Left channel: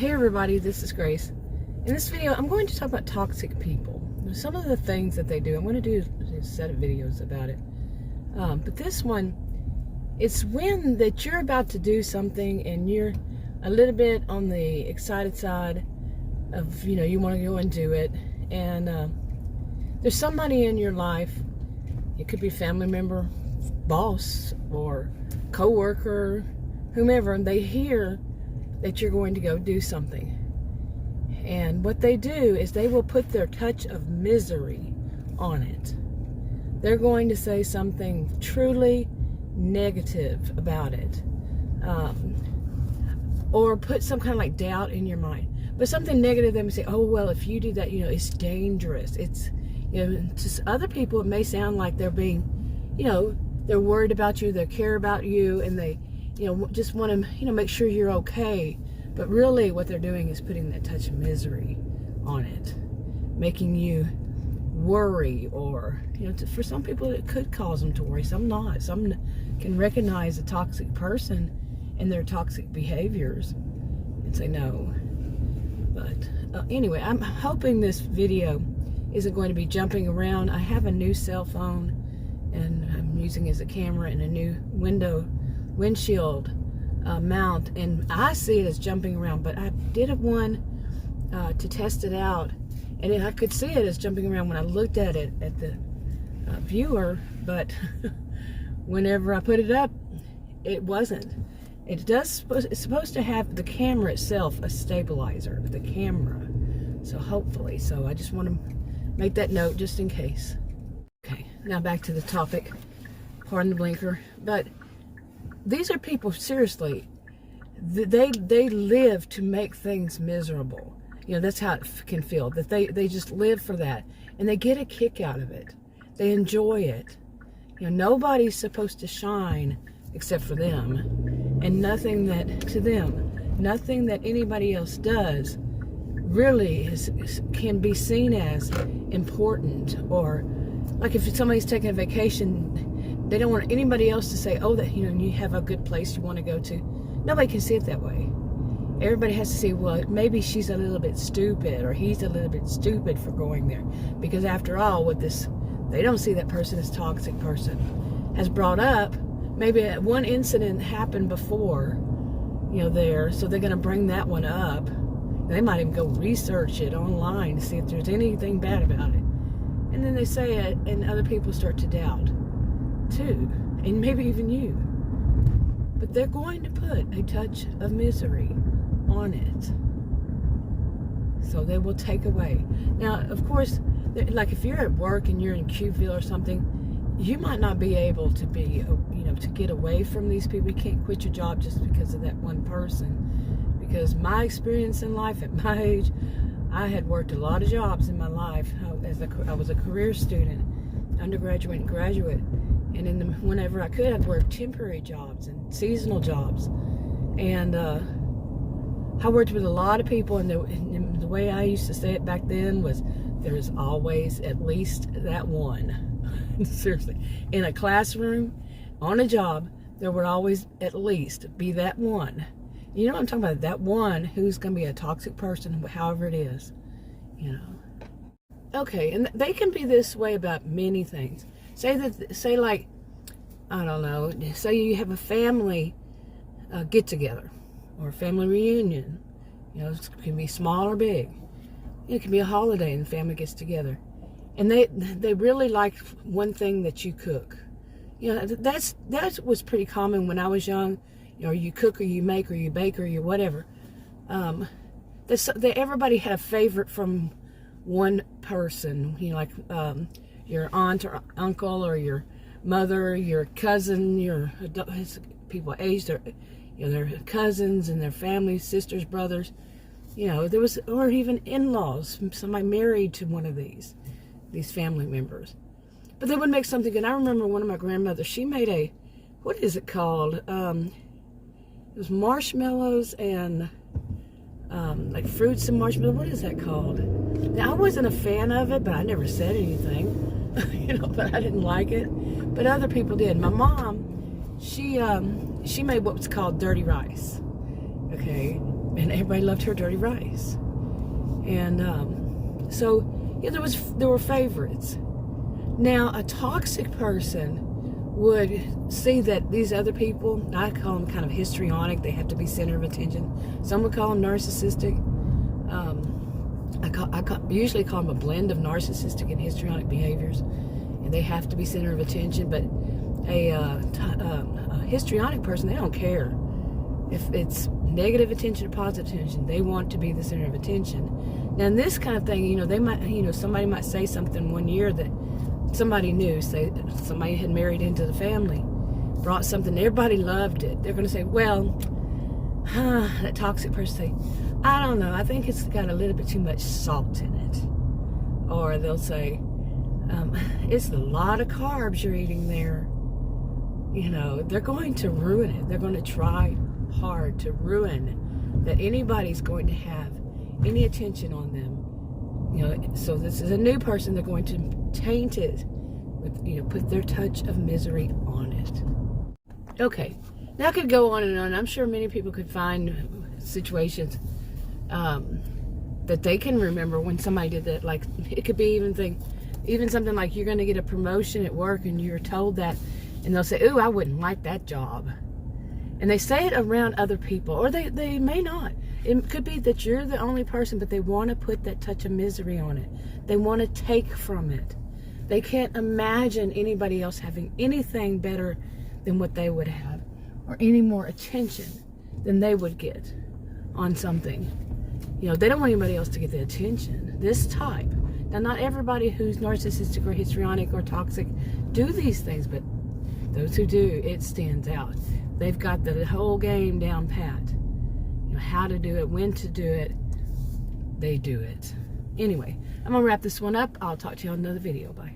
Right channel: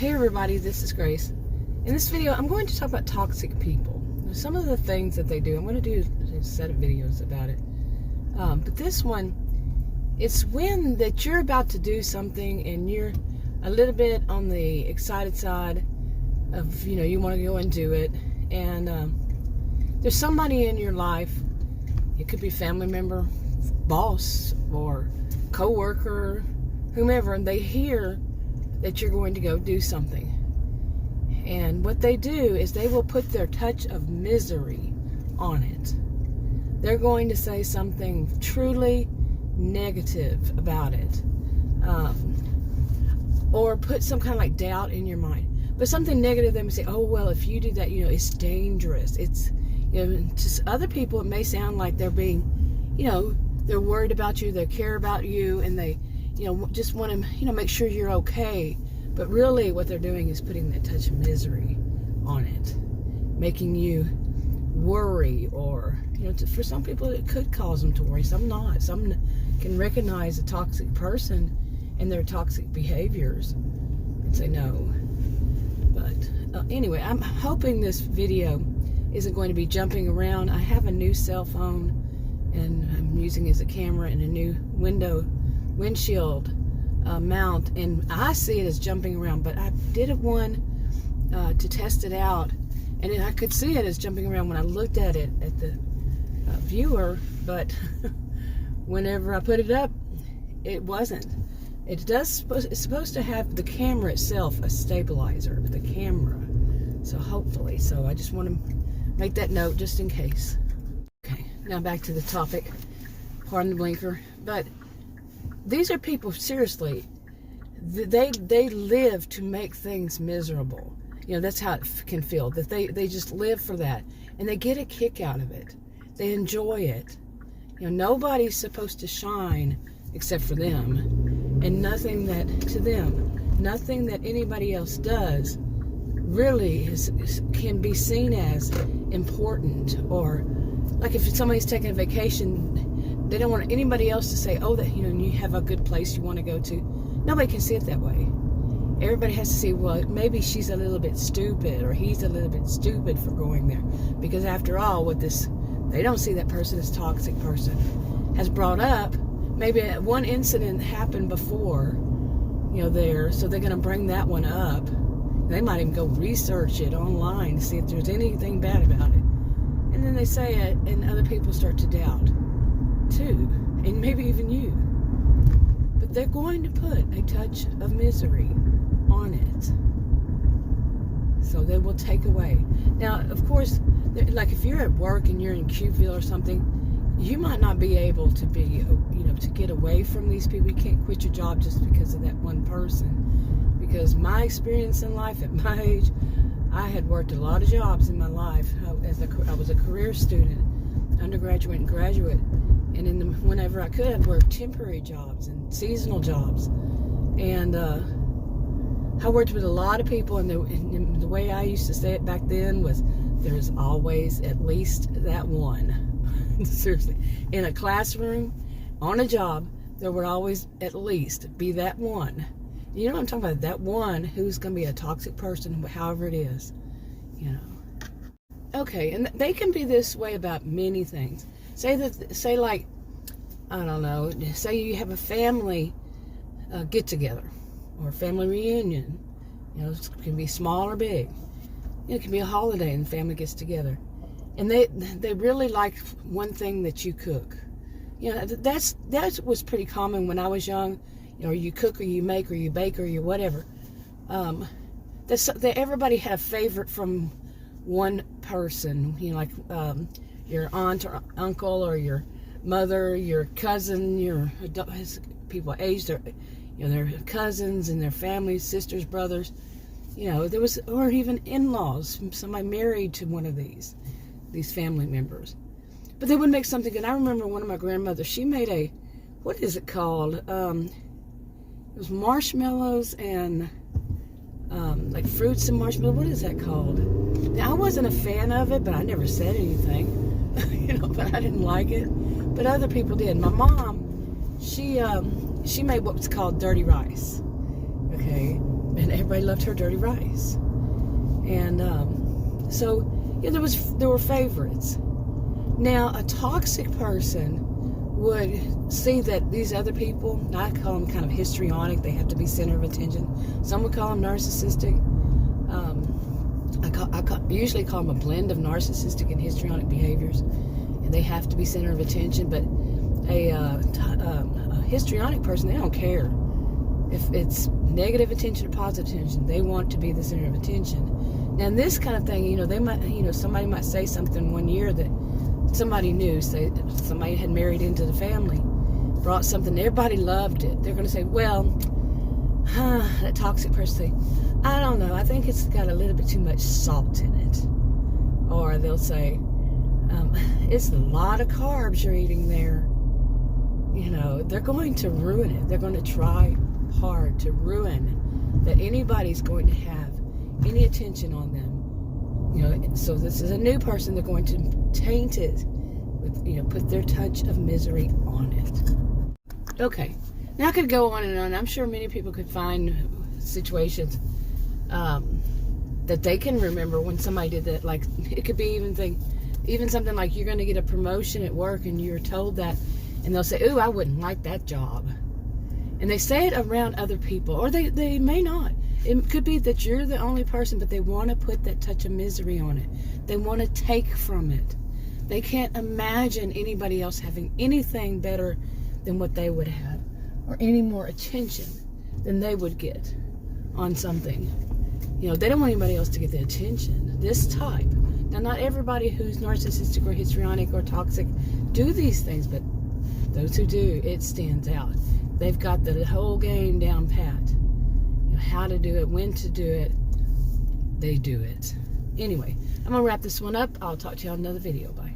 Hey everybody, this is Grace. In this video, I'm going to talk about toxic people. Some of the things that they do. I'm going to do a set of videos about it. But this one, it's when that you're about to do something and you're a little bit on the excited side of, you want to go and do it. And there's somebody in your life, it could be a family member, boss, or co-worker, whomever, and they hear that you're going to go do something. And what they do is they will put their touch of misery on it. They're going to say something truly negative about it. Or put some kind of like doubt in your mind. But something negative, they may say, oh, well, if you do that, it's dangerous. It's, to other people, it may sound like they're being, they're worried about you, they care about you, and they, just want to, make sure you're okay. But really what they're doing is putting that touch of misery on it, making you worry, or, for some people it could cause them to worry, some not. Some can recognize a toxic person and their toxic behaviors and say no. But anyway, I'm hoping this video isn't going to be jumping around. I have a new cell phone and I'm using it as a camera and a new windshield mount, and I see it as jumping around, but I did one to test it out, and I could see it as jumping around when I looked at it at the viewer, but whenever I put it up, it wasn't. It's supposed to have the camera itself a stabilizer, the camera, so hopefully. So I just want to make that note just in case. Okay, now back to the topic. Pardon the blinker, but these are people, seriously, they live to make things miserable. That's how it can feel, that they just live for that, and they get a kick out of it. They enjoy it. Nobody's supposed to shine except for them, and nothing that anybody else does really can be seen as important. Or like if somebody's taking a vacation, they don't want anybody else to say, oh, that you have a good place you want to go to. Nobody can see it that way. Everybody has to say, well, maybe she's a little bit stupid, or he's a little bit stupid for going there. Because after all, with this, they don't see that person as a toxic person. Has brought up, maybe one incident happened before, there, so they're going to bring that one up. They might even go research it online to see if there's anything bad about it. And then they say it, and other people start to doubt too, and maybe even you. But they're going to put a touch of misery on it, so they will take away. Now, of course, like if you're at work and you're in Qville or something, you might not be able to be, to get away from these people. You can't quit your job just because of that one person. Because my experience in life at my age, I had worked a lot of jobs in my life. I was a career student, undergraduate and graduate. And whenever I could, I'd work temporary jobs and seasonal jobs. And I worked with a lot of people, and the way I used to say it back then was, there's always at least that one. Seriously. In a classroom, on a job, there would always at least be that one. You know what I'm talking about? That one who's going to be a toxic person, however it is. Okay, and they can be this way about many things. Say like, I don't know, say you have a family get-together or a family reunion. It can be small or big. It can be a holiday and the family gets together. And they really like one thing that you cook. That was pretty common when I was young. You cook or you make or you bake or you whatever. Everybody had a favorite from one person. Like your aunt or uncle or your mother, your cousin, your people age, their cousins and their families, sisters, brothers. There was, or even in-laws, somebody married to one of these family members. But they would make something good. I remember one of my grandmothers, she made what is it called? It was marshmallows and like fruits and marshmallows. What is that called? Now, I wasn't a fan of it, but I never said anything. But I didn't like it. But other people did. My mom, she made what was called dirty rice. Okay, and everybody loved her dirty rice. And so there were favorites. Now, a toxic person would see that these other people, I call them kind of histrionic, they have to be center of attention. Some would call them narcissistic. I usually call them a blend of narcissistic and histrionic behaviors, and they have to be center of attention. But a histrionic person, they don't care if it's negative attention or positive attention. They want to be the center of attention. Now, in this kind of thing, they might, somebody might say something one year that somebody knew, say somebody had married into the family, brought something, everybody loved it. They're going to say, well, that toxic person say, I don't know, I think it's got a little bit too much salt in it. Or they'll say, it's a lot of carbs you're eating there. They're going to ruin it. They're going to try hard to ruin that anybody's going to have any attention on them. So this is a new person, they're going to taint it with, put their touch of misery on it. Okay, now I could go on and on. I'm sure many people could find situations that they can remember when somebody did that. Like, it could be even something like you're going to get a promotion at work and you're told that, and they'll say, ooh, I wouldn't like that job. And they say it around other people, or they may not. It could be that you're the only person, but they want to put that touch of misery on it. They want to take from it. They can't imagine anybody else having anything better than what they would have, or any more attention than they would get on something. They don't want anybody else to get the attention. This type. Now, not everybody who's narcissistic or histrionic or toxic do these things, but those who do, it stands out. They've got the whole game down pat. How to do it, when to do it, they do it. Anyway, I'm going to wrap this one up. I'll talk to you on another video. Bye.